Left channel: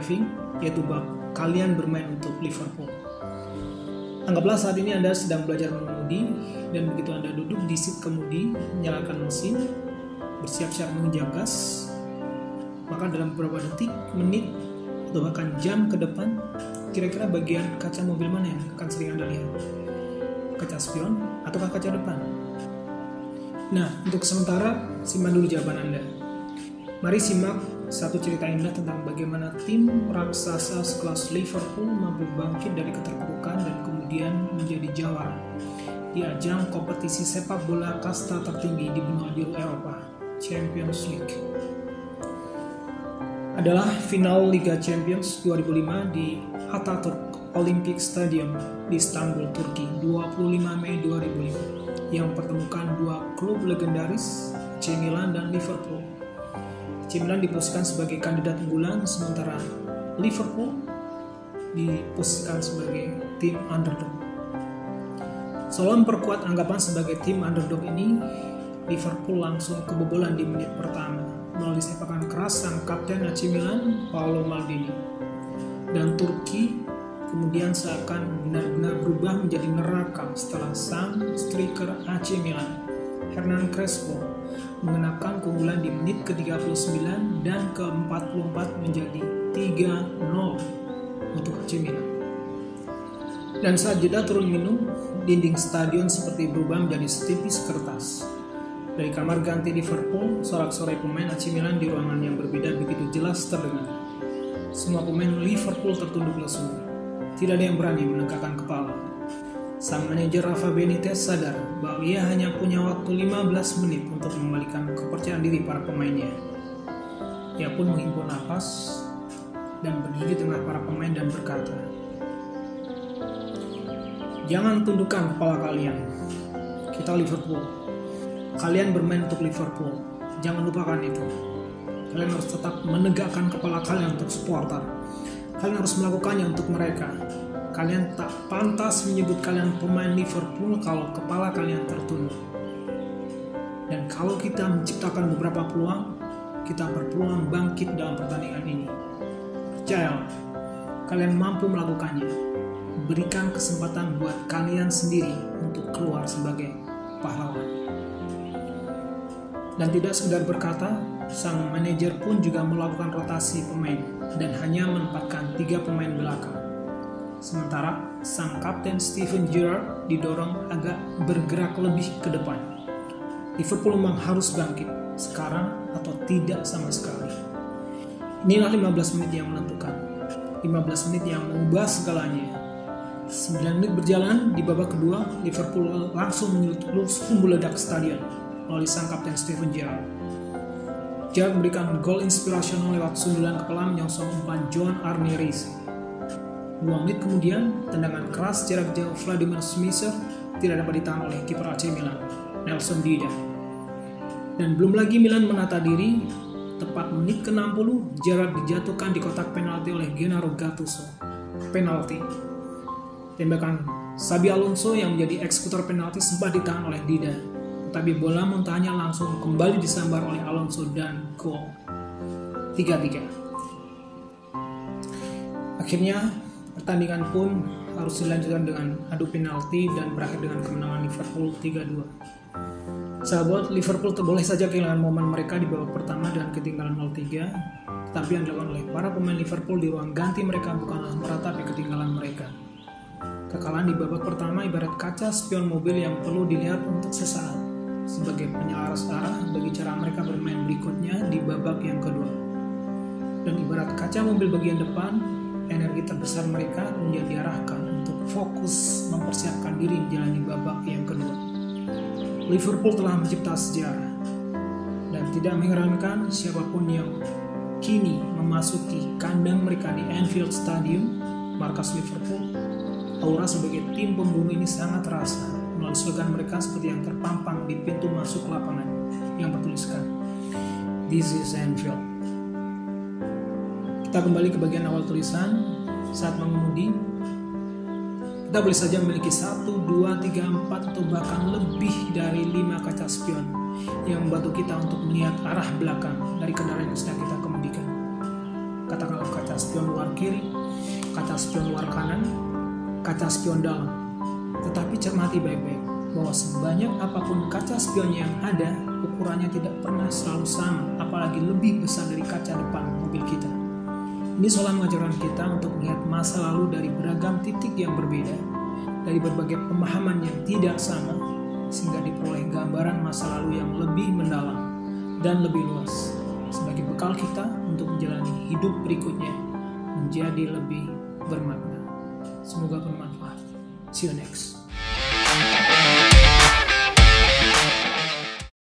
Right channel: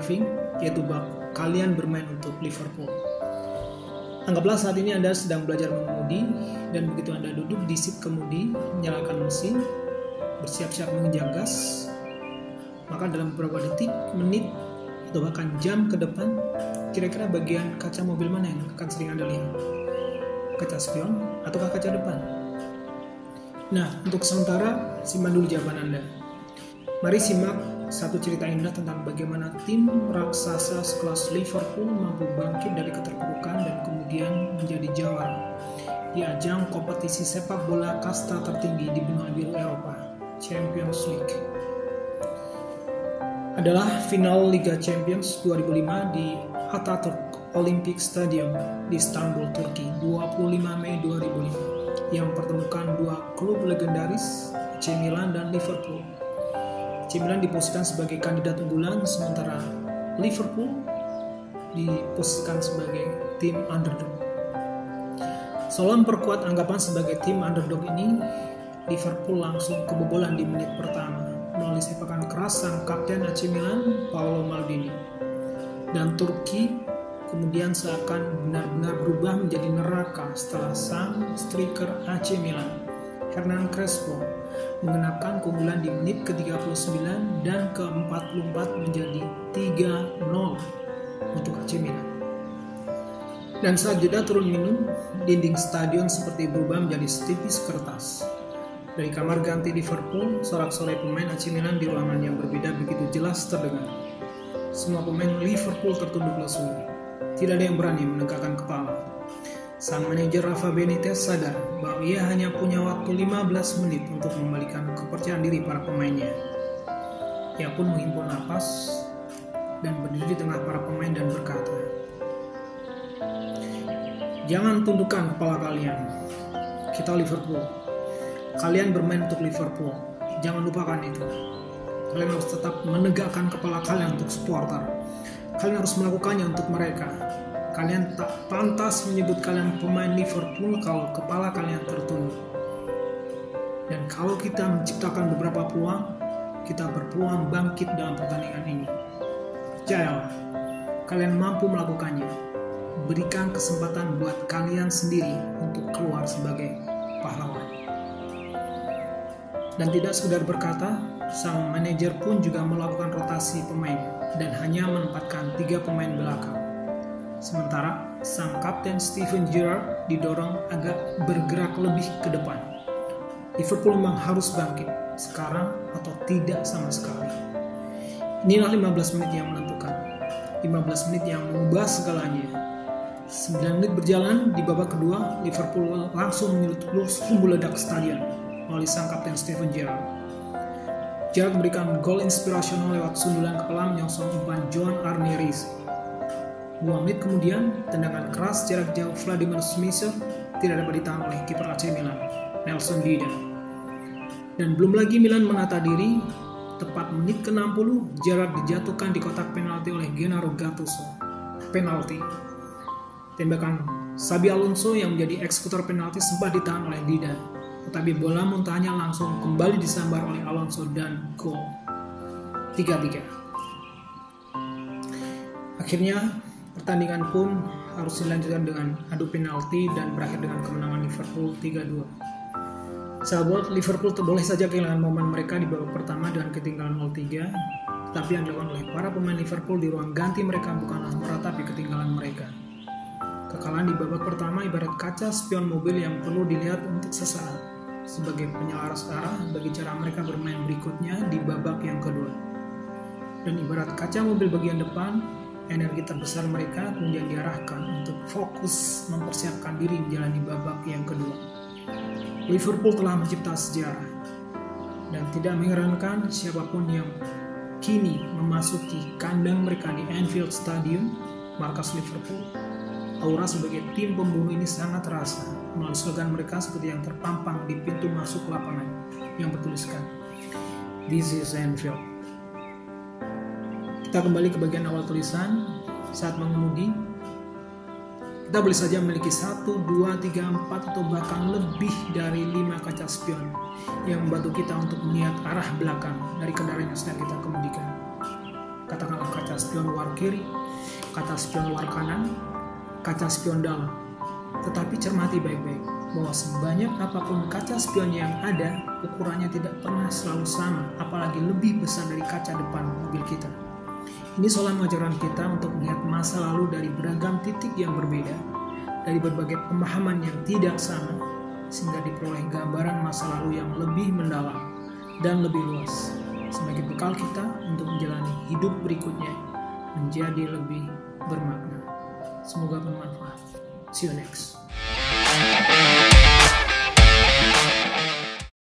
driving, yaitu bab kalian bermain untuk Liverpool. Anggaplah saat ini Anda sedang belajar mengemudi, dan begitu Anda duduk di seat kemudi, menyalakan mesin, bersiap-siap mengejar gas, maka dalam beberapa detik, menit, atau bahkan jam ke depan, kira-kira bagian kaca mobil mana yang akan sering Anda lihat? Kaca spion atau kaca depan? Nah, untuk sementara, simpan dulu jawaban Anda. Mari simak satu cerita indah tentang bagaimana tim raksasa sekelas Liverpool mampu bangkit dari keterpurukan dan kemudian menjadi juara di ajang kompetisi sepak bola kasta tertinggi di benua biru Eropa, Champions League. Adalah final Liga Champions 2005 di Atatürk Olympic Stadium di Istanbul, Turki, 25 Mei 2005, yang mempertemukan dua klub legendaris, AC Milan dan Liverpool. AC Milan diposisikan sebagai kandidat unggulan, sementara Liverpool diposisikan sebagai tim underdog. Seolah memperkuat anggapan sebagai tim underdog ini, Liverpool langsung kebobolan di menit pertama melalui sepakan keras sang kapten AC Milan, Paolo Maldini. Dan Turki kemudian seakan benar-benar berubah menjadi neraka setelah sang striker AC Milan, Hernan Crespo, mengenapkan keunggulan di menit ke-39 dan ke-44 menjadi 3-0 untuk AC Milan. Dan saat jeda turun minum, dinding stadion seperti berubah menjadi setipis kertas. Dari kamar ganti Liverpool, sorak-sorai pemain AC Milan di ruangan yang berbeda begitu jelas terdengar. Semua pemain Liverpool tertunduk lesu. Tidak ada yang berani menegakkan kepala. Sang manajer Rafa Benitez sadar bahwa ia hanya punya waktu 15 menit untuk mengembalikan kepercayaan diri para pemainnya. Ia pun menghimpun napas dan berdiri di tengah para pemain dan berkata, "Jangan tundukkan kepala kalian. Kita Liverpool. Kalian bermain untuk Liverpool. Jangan lupakan itu. Kalian harus tetap menegakkan kepala kalian untuk supporter. Kalian harus melakukannya untuk mereka. Kalian tak pantas menyebut kalian pemain Liverpool kalau kepala kalian tertunduk. Dan kalau kita menciptakan beberapa peluang, kita berpeluang bangkit dalam pertandingan ini. Percayalah, kalian mampu melakukannya. Berikan kesempatan buat kalian sendiri untuk keluar sebagai pahlawan." Dan tidak sekedar berkata, sang manajer pun juga melakukan rotasi pemain dan hanya menempatkan 3 pemain belakang. Sementara sang kapten Steven Gerrard didorong agar bergerak lebih ke depan. Liverpool memang harus bangkit sekarang atau tidak sama sekali. Inilah 15 menit yang menentukan. 15 menit yang mengubah segalanya. 9 menit berjalan, di babak kedua Liverpool langsung meledak stadion melalui sang kapten Steven Gerrard. Gerrard memberikan gol inspirasional lewat sundulan kepala menyongsong umpan Joan Arneris. 2 menit kemudian, tendangan keras jarak jauh Vladimir Smisser tidak dapat ditahan oleh kiper AC Milan, Nelson Dida. Dan belum lagi Milan menata diri, tepat menit ke-60, Gerrard dijatuhkan di kotak penalti oleh Gennaro Gattuso. Penalti. Tembakan Xabi Alonso yang menjadi eksekutor penalti sempat ditahan oleh Dida, tetapi bola muntahannya langsung kembali disambar oleh Alonso dan gol. 3-3. Akhirnya, pertandingan pun harus dilanjutkan dengan adu penalti dan berakhir dengan kemenangan Liverpool 3-2. Sahabat, Liverpool boleh saja kehilangan momen mereka di babak pertama dengan ketinggalan 0-3, tapi yang dilakukan oleh para pemain Liverpool di ruang ganti mereka bukanlah meratapi ketinggalan mereka. Kekalahan di babak pertama ibarat kaca spion mobil yang perlu dilihat untuk sesaat sebagai penyelaras arah bagi cara mereka bermain berikutnya di babak yang kedua. Dan ibarat kaca mobil bagian depan, energi terbesar mereka kemudian diarahkan untuk fokus mempersiapkan diri menjalani babak yang kedua. Liverpool telah mencipta sejarah, dan tidak mengherankan siapapun yang kini memasuki kandang mereka di Anfield Stadium, markas Liverpool. Aura sebagai tim pembunuh ini sangat terasa melalui slogan mereka seperti yang terpampang di pintu masuk lapangan yang bertuliskan "This is Anfield". Kita kembali ke bagian awal tulisan. Saat mengemudi, kita boleh saja memiliki 1, 2, 3, 4 atau bahkan lebih dari 5 kaca spion yang membantu kita untuk melihat arah belakang dari kendaraan yang sedang kita kemudikan. Katakanlah kaca spion kiri, kaca spion luar kanan, kaca spion dalam. Tetapi cermati baik-baik bahwa sebanyak apapun kaca spion yang ada, ukurannya tidak pernah selalu sama, apalagi lebih besar dari kaca depan mobil kita. Ini soal mengajarkan kita untuk melihat masa lalu dari beragam titik yang berbeda, dari berbagai pemahaman yang tidak sama, sehingga diperoleh gambaran masa lalu yang lebih mendalam dan lebih luas, sebagai bekal kita untuk menjalani hidup berikutnya menjadi lebih bermakna. Semoga bermanfaat. See you next.